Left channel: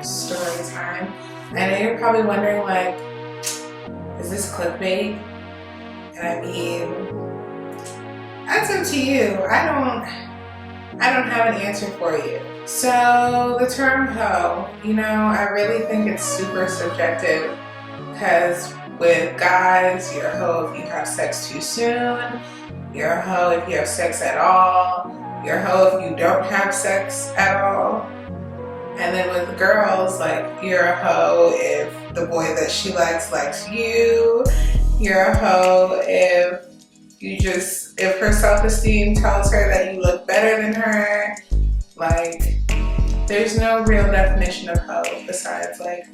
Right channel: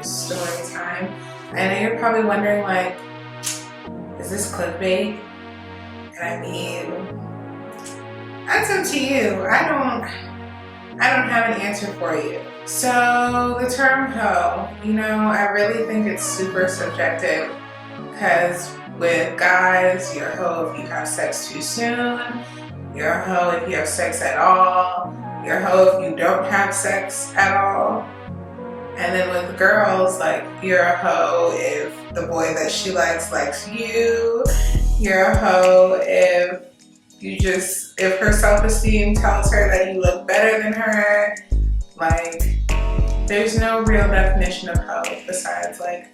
Storytime. I know you're probably wondering, like, is this clickbait? And I mean, that's up to you. I don't have an answer for you. So the term hoe, I really think it's super subjective, because with guys, you're a hoe if you have sex too soon, you're a hoe if you have sex at all, you're a hoe if you don't have sex at all. And then with girls, like, you're a hoe if the boy that she likes you. You're a hoe if her self-esteem tells her that you look better than her. Like, there's no real definition of hoe besides like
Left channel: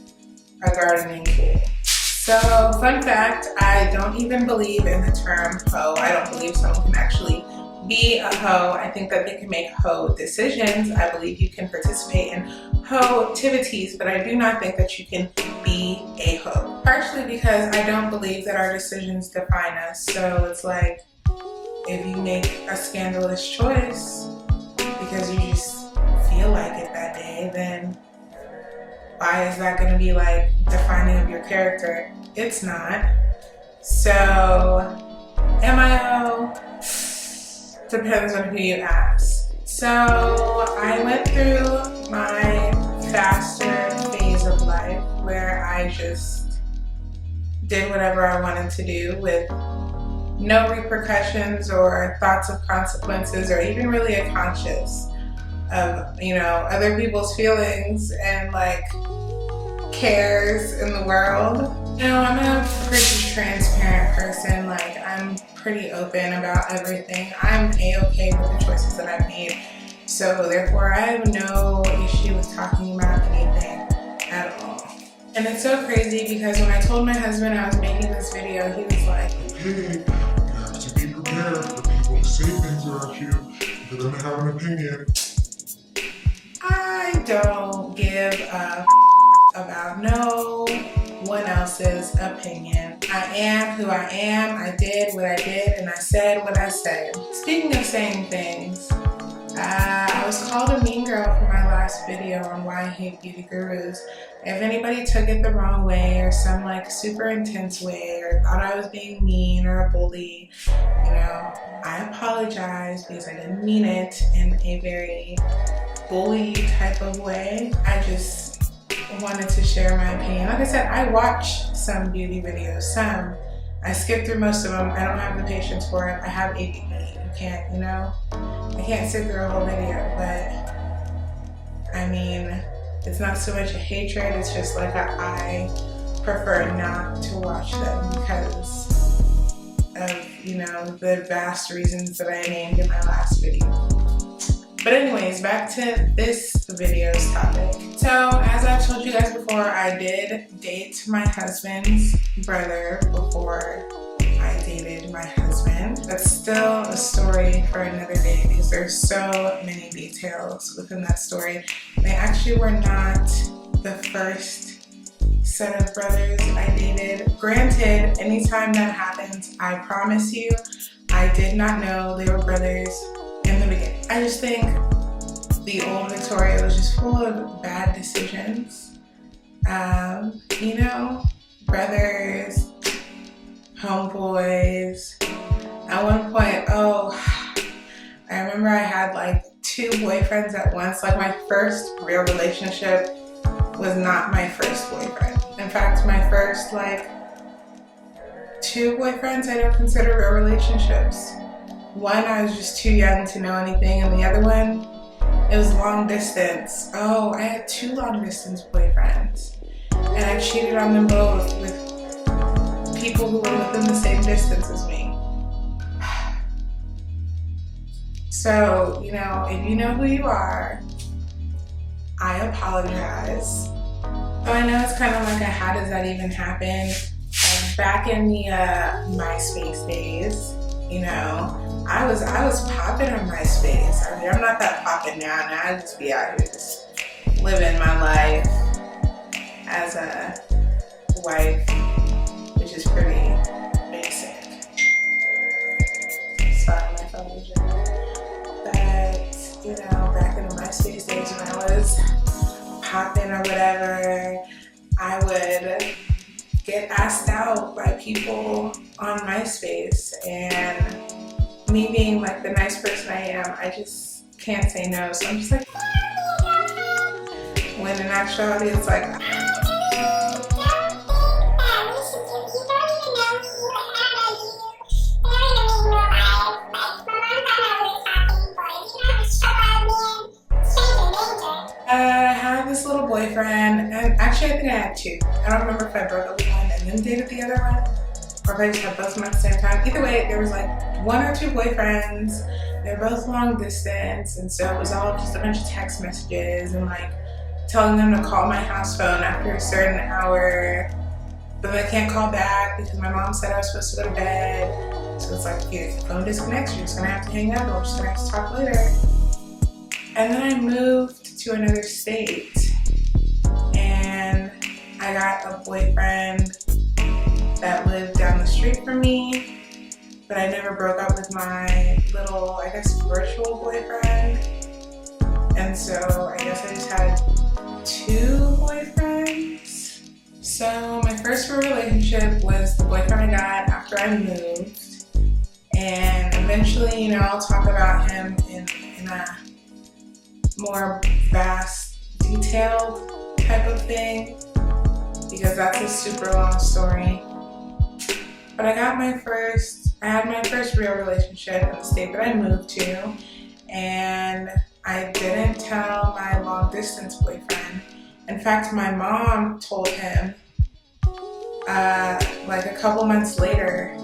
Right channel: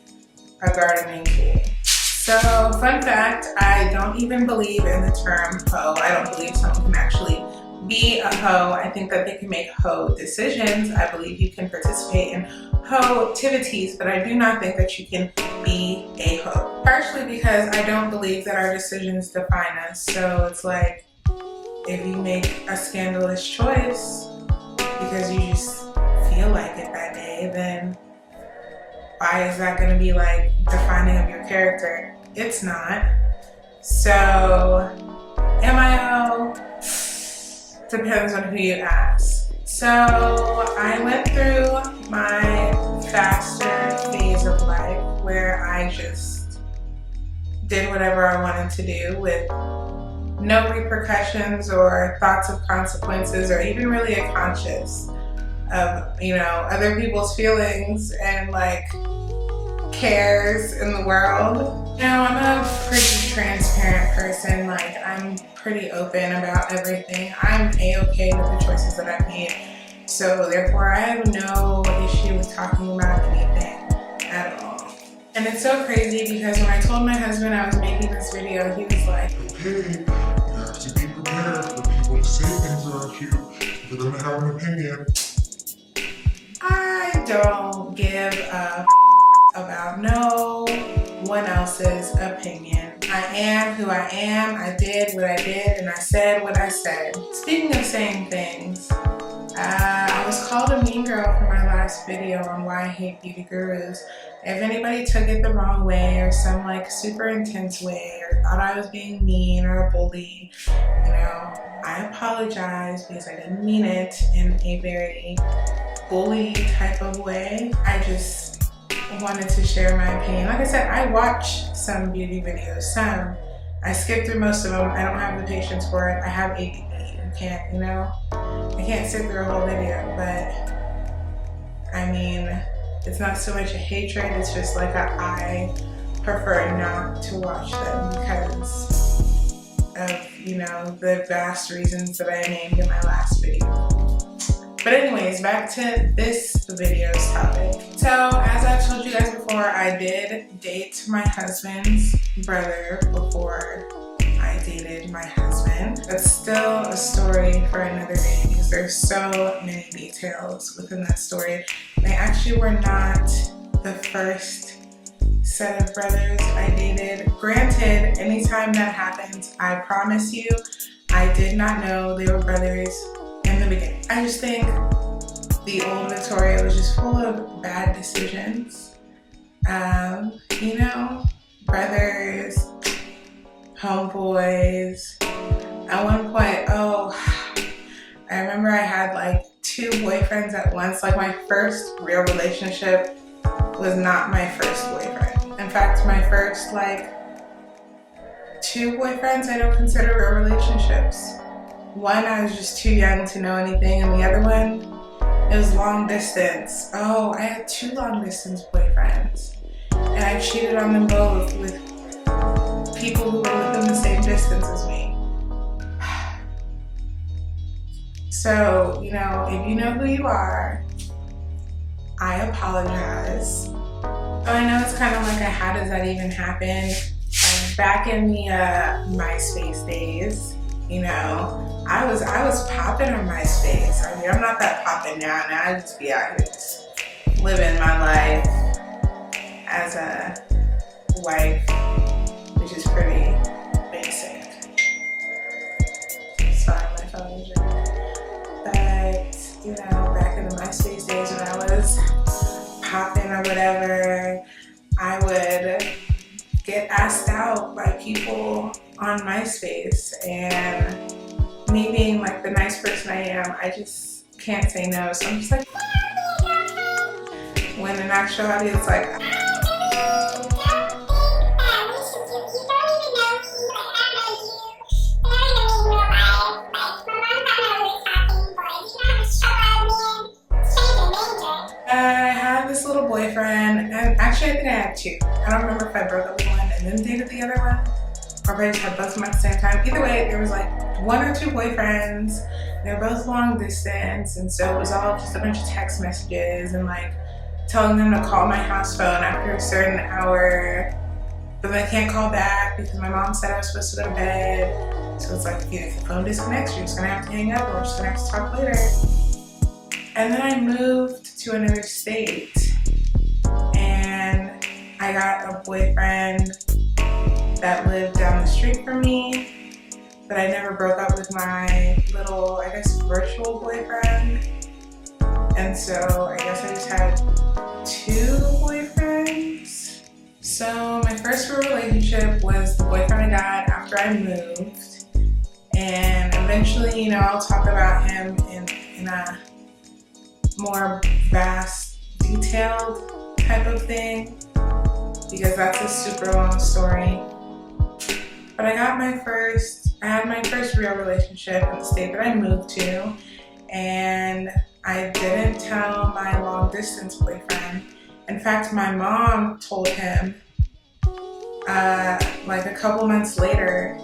a gardening tool. So, fun fact, I don't even believe in the term hoe. I don't believe someone can actually be a hoe. I think that they can make hoe decisions. I believe you can participate in hoe activities, but I do not think that you can be a hoe. Partially because I don't believe that our decisions define us. So it's like, if you make a scandalous choice because you just feel like it that day, then why is that going to be like defining of your character? It's not. So, am I a hoe? Depends on who you ask. So, I went through my faster phase of life where I just did whatever I wanted to do with no repercussions or thoughts of consequences, or even really a conscious of, other people's feelings and like cares in the world. I'm a pretty transparent person. Like, I'm pretty open about everything. I'm a-okay with the choices that I've made. So therefore I have no issue with talking about anything at all. And it's so crazy because when I told my husband I was making this video, he was like, "Hey, you have to be prepared for people to say things about you. They're gonna have an opinion." I don't give a about no one else's opinion. I am who I am. I did what I did, and I said what I said. Speaking of saying things, I was called a mean girl for my last video on why I hate beauty gurus. If anybody took it the wrong way, or some like super intense way, or thought I was being mean or a bully, I apologize, because I didn't mean it in a very bully type of way. I just wanted to share my opinion. Like I said, I watch some beauty videos, some. I skip through most of them. I don't have the patience for it. I have ADD. You can't, I can't sit through a whole video, but I mean, it's not so much a hatred, it's just like I prefer not to watch them because of, the vast reasons that I named in my last video. But anyways, back to this video's topic. So, as I've told you guys before, I did date my husband's brother before I dated my husband. That's still a story for another day because there's so many details within that story. They actually were not the first set of brothers I dated. Granted, anytime that happens, I promise you, I did not know they were brothers in the beginning. I just think the old Victoria was just full of bad decisions. Brothers, homeboys. At one point, I remember I had like 2 boyfriends at once. Like, my first real relationship was not my first boyfriend. In fact, my first 2 boyfriends I don't consider real relationships. One, I was just too young to know anything, and the other one, it was long distance. I had 2 long distance boyfriends, and I cheated on them both with people who were within the same distance as me. So, if you know who you are, I apologize. I know it's kind of like how does that even happen? Like, back in the MySpace days, I was popping on MySpace. I mean, I'm not that popping now. Now I just be out here just living my life as a wife, which is pretty basic. Sorry, my phone is ringing. But, back in the MySpace days when I was happen or whatever, I would get asked out by people on MySpace, and me being like the nice person I am, I just can't say no. So I'm just like, when in actuality it's like, I had this little boyfriend, and actually I think I had two. I don't remember if I broke up with one and then dated the other one, or if I just had both of them at the same time. Either way, there was like one or two boyfriends. They're both long distance, and so it was all just a bunch of text messages and like telling them to call my house phone after a certain hour, but I can't call back because my mom said I was supposed to go to bed. So it's like, if the phone disconnects, you're just gonna have to hang up, or we're just gonna have to talk later. And then I moved to another state, and I got a boyfriend that lived down the street from me, but I never broke up with my little, I guess, virtual boyfriend. And so I guess I just had two boyfriends. So my first real relationship was the boyfriend I got after I moved, and eventually, I'll talk about him in a more vast, detailed type of thing, because that's a super long story. But I had my first real relationship in the state that I moved to, and I didn't tell my long distance boyfriend. In fact, my mom told him like a couple months later.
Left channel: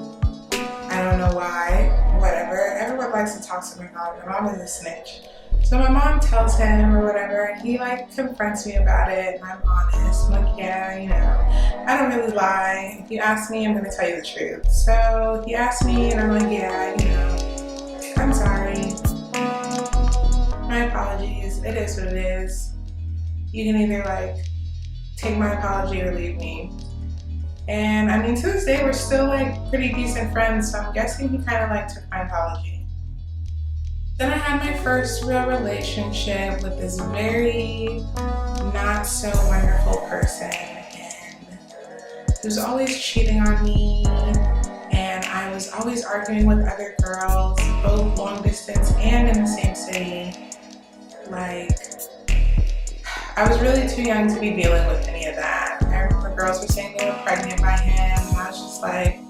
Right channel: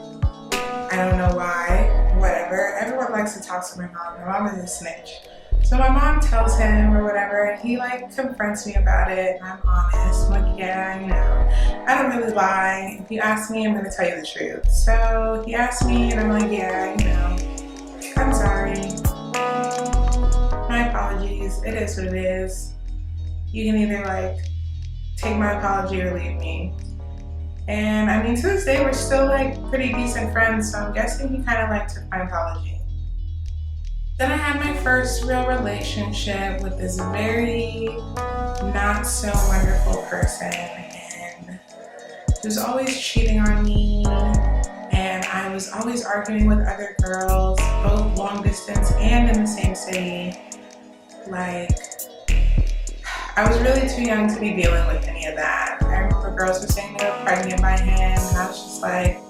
I don't know why, whatever. Everyone likes to talk to my mom. My mom is a snitch. So my mom tells him or whatever, and he like confronts me about it, and I'm honest. I'm like, yeah, I don't really lie. If you ask me, I'm gonna tell you the truth. So he asked me, and I'm like, yeah, I'm sorry. My apologies. It is what it is. You can either like take my apology or leave me. And I mean, to this day, we're still like pretty decent friends, so I'm guessing he kind of like took my apology. Then I had my first real relationship with this very not so wonderful person, and he was always cheating on me, and I was always arguing with other girls, both long distance and in the same city. Like, I was really too young to be dealing with any of that. I remember girls were saying they were pregnant by him, and I was just like,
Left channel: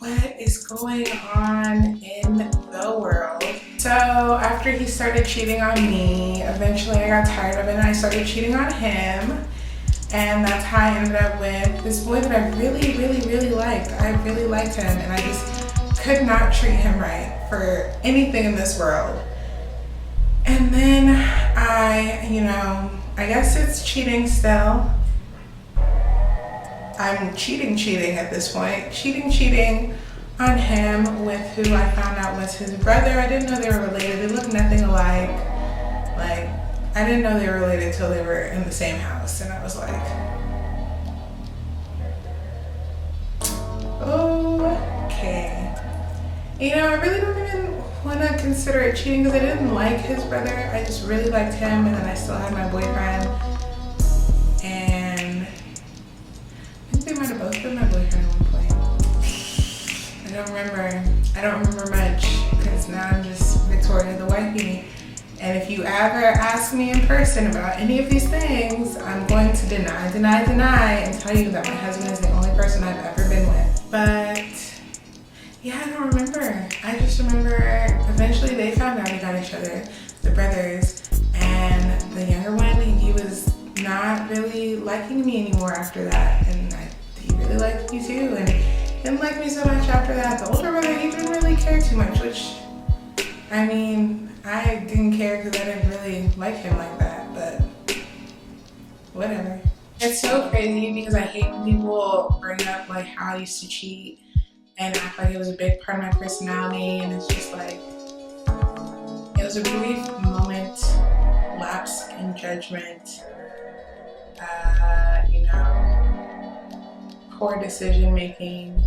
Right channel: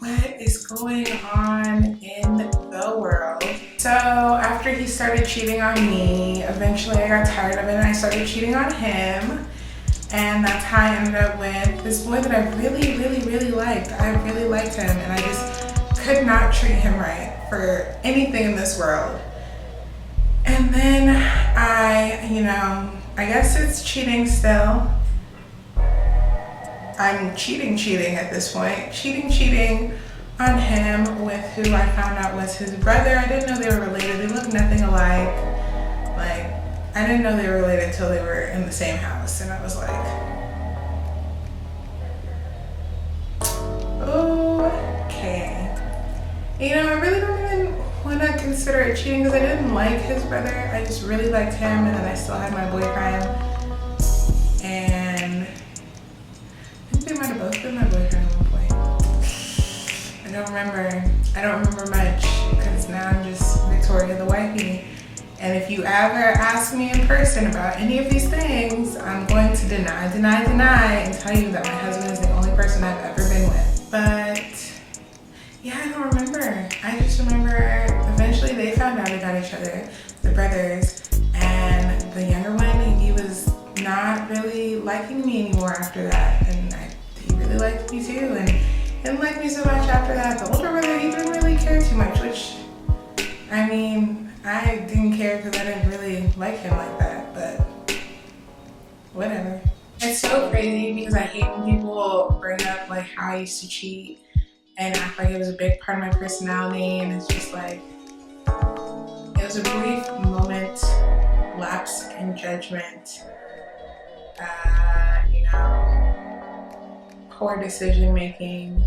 what is going on in the world? So after he started cheating on me, eventually I got tired of it and I started cheating on him. And that's how I ended up with this boy that I really, really, really liked. I really liked him, and I just could not treat him right for anything in this world. And then I guess it's cheating still. I'm cheating at this point. Cheating on him with who I found out was his brother. I didn't know they were related. They looked nothing alike. Like, I didn't know they were related until they were in the same house. And I was like, okay. I really don't even want to consider it cheating because I didn't like his brother. I just really liked him, and then I still had my boyfriend. And I think they might have both been my boyfriend at one point. I don't remember much because now I'm just Victoria the wifey. And if you ever ask me in person about any of these things, I'm going to deny, and tell you that my husband is the only person I've ever been with. But yeah, I don't remember. I just remember eventually they found out they got each other, the brothers, and the younger one, he was not really liking me anymore after that, and he really liked me too, and didn't like me so much after that. The older brother, he didn't really care too much, which, I mean, I didn't care because I didn't really like him like that, but whatever. It's so crazy because I hate when people bring up like how I used to cheat and act like it was a big part of my personality, and it's just like, it was a brief moment, lapse in judgment, poor decision making.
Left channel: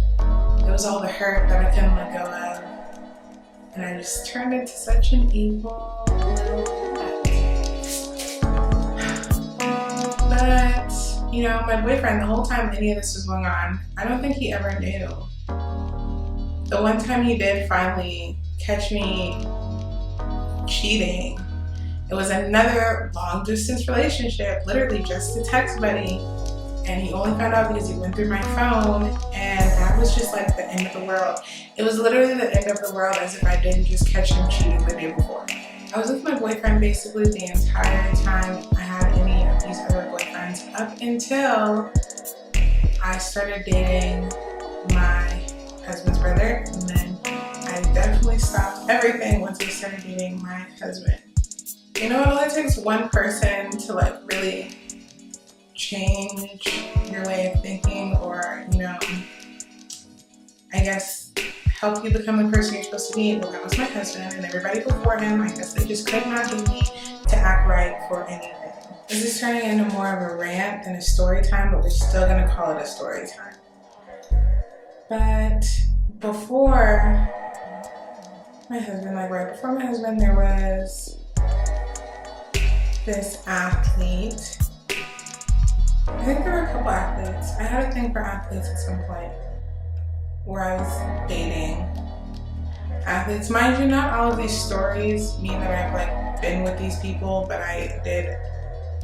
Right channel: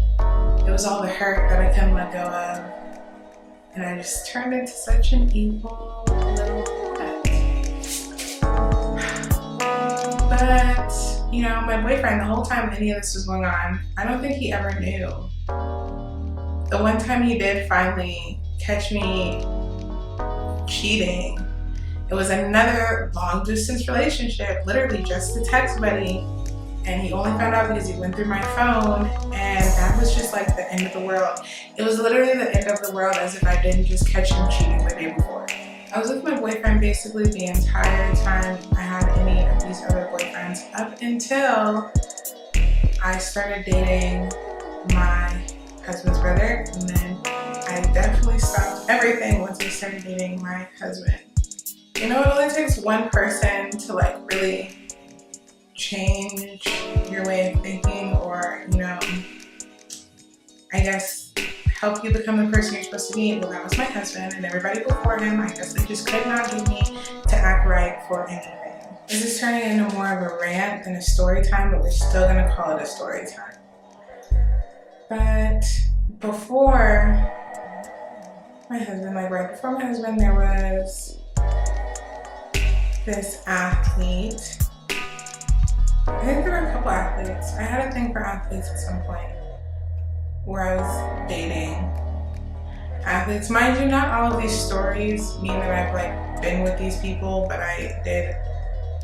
It was all the hurt that I couldn't let go of, and I just turned into such an evil little cat. But, you know, my boyfriend, the whole time any of this was going on, I don't think he ever knew. The one time he did finally catch me cheating, it was another long distance relationship, literally just a text buddy. And he only found out because he went through my phone, and that was just like the end of the world. It was literally the end of the world, as if I didn't just catch him cheating the day before. I was with my boyfriend basically the entire time I had any of these other boyfriends, up until I started dating my husband's brother, and then I definitely stopped everything once I started dating my husband. You know, it only takes one person to like really change your way of thinking, or, you know, I guess help you become the person you're supposed to be. Well, that was my husband, and everybody before him, I guess they just could not get me to act right for anything. This is turning into more of a rant than a story time, but we're still gonna call it a story time. But before my husband, like right before my husband, there was this athlete. I think there were a couple athletes. I had a thing for athletes at some point where I was dating athletes. Mind you, not all of these stories mean that I've like been with these people, but I did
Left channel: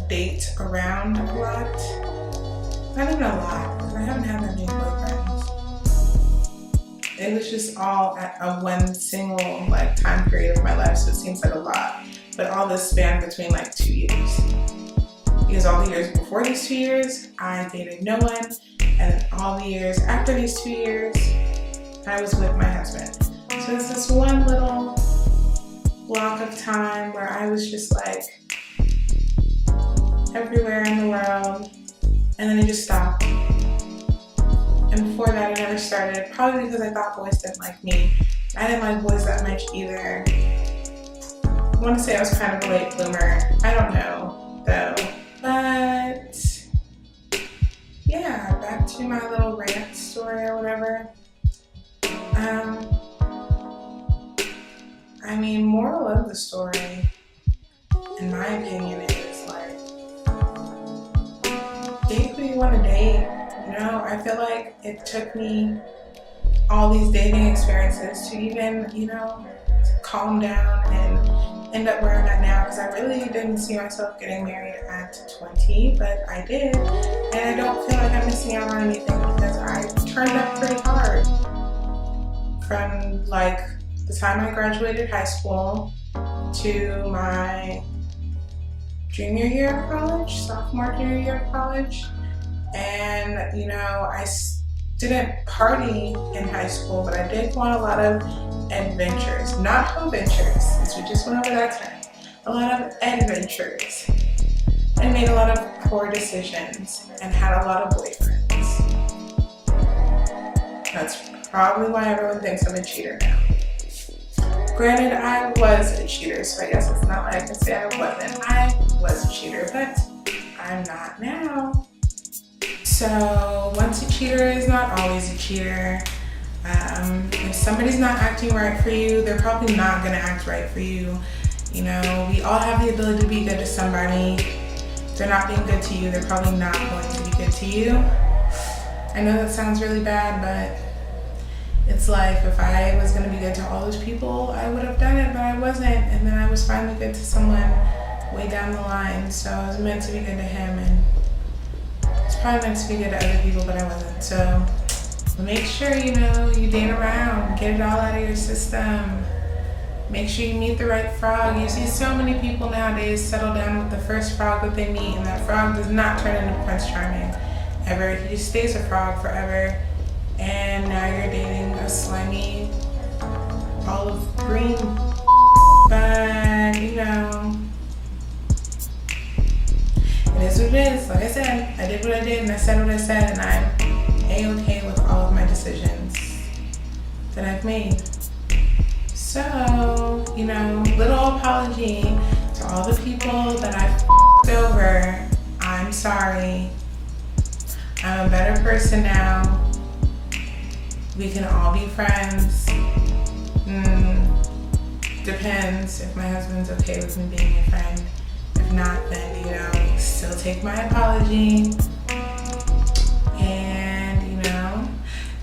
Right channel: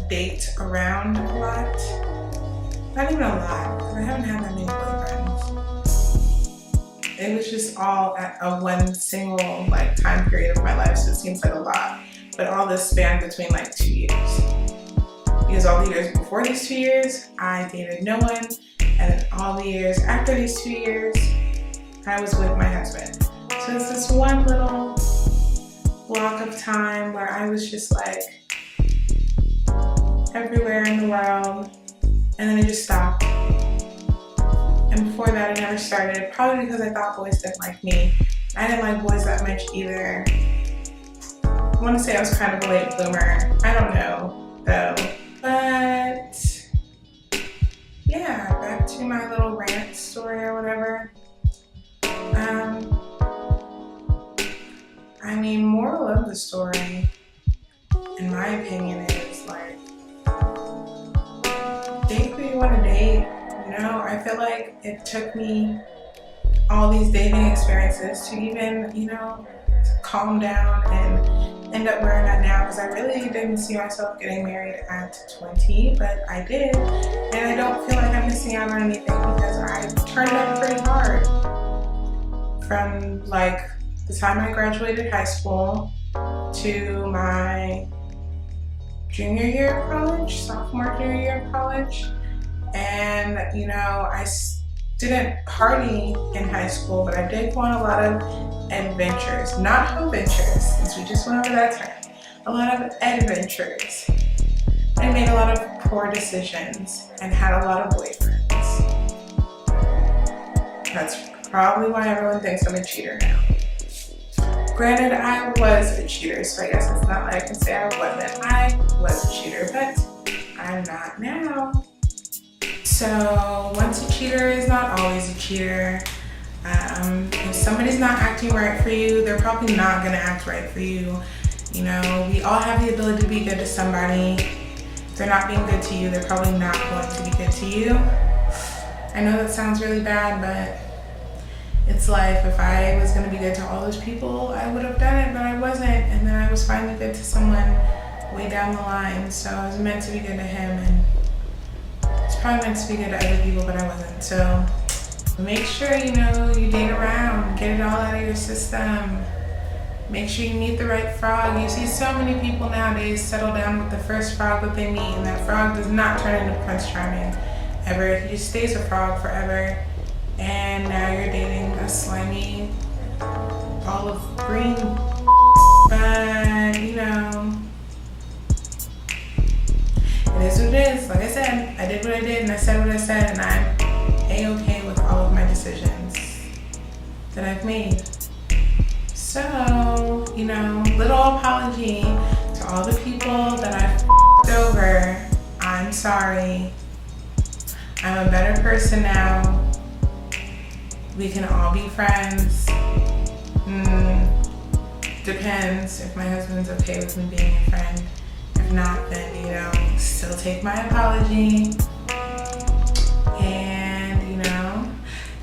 date around a lot. Not even a lot, because I haven't had that many boyfriends. It was just all at a one single like time period of my life, so it seems like a lot. But all this spanned between like 2 years. Because all the years before these 2 years, I dated no one. And then all the years after these 2 years, I was with my husband. So it's this one little block of time where I was just like everywhere in the world. And then it just stopped. And before that, it never started. Probably because I thought boys didn't like me. I didn't like boys that much either. I want to say I was kind of a late bloomer. I don't know, though. But yeah, back to my little rant story or whatever. I mean, moral of the story, in my opinion, is like, date who you want to date. You know, I feel like it took me all these dating experiences to even, you know, calm down and end up where I'm at now, because I really didn't see myself getting married at 20, but I did, and I don't feel like I'm missing out on anything because I turned up pretty hard. From like the time I graduated high school to my junior year of college, sophomore, junior year of college, and you know, I didn't party in high school, but I did go on a lot of adventures, not home ventures, since we just went over that term. A lot of adventures, and made a lot of poor decisions, and had a lot of boyfriends. That's probably why everyone thinks I'm a cheater now. Granted, I was a cheater, so I guess it's not like I can say I wasn't. I was a cheater, but I'm not now. So once a cheater is not always a cheater. If somebody's not acting right for you, they're probably not gonna act right for you. You know, we all have the ability to be good to somebody. If they're not being good to you, they're probably not going to be good to you. I know that sounds really bad, but it's life. If I was gonna be good to all those people, I would have done it, but I wasn't. And then I was finally good to someone way down the line. So I was meant to be good to him, and it's probably meant to be good to other people, but I wasn't. So make sure, you know, you date around, get it all out of your system. Make sure you meet the right frog. You see so many people nowadays settle down with the first frog that they meet, and that frog does not turn into Prince Charming ever. He just stays a frog forever. And now you're dating a slimy olive green. But, you know, it is what it is. Like I said, I did what I did and I said what I said, and I'm A-okay with all of my decisions that I've made. So, you know, little apology to all the people that I f***ed over. I'm sorry. I'm a better person now. We can all be friends. Depends if my husband's okay with me being a friend. If not, then, you know, still will take my apology. And, you know,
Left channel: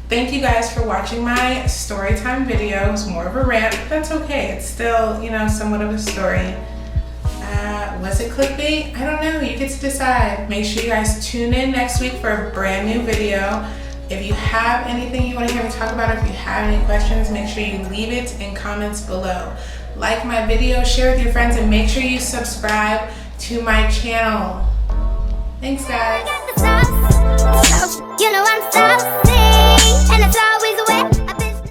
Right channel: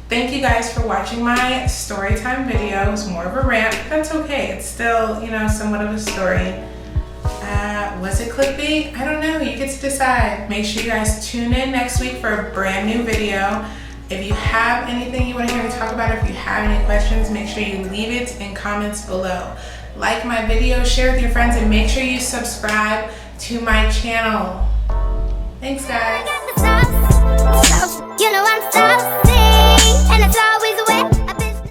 thank you guys for watching my story time video. It was more of a rant, but that's okay. It's still, you know, somewhat of a story. Was it clickbait? I don't know. You get to decide. Make sure you guys tune in next week for a brand new video. If you have anything you want to hear me talk about, or if you have any questions, make sure you leave it in comments below. Like my video, share with your friends, and make sure you subscribe to my channel. Thanks, guys. You know I'm saucy, and it's all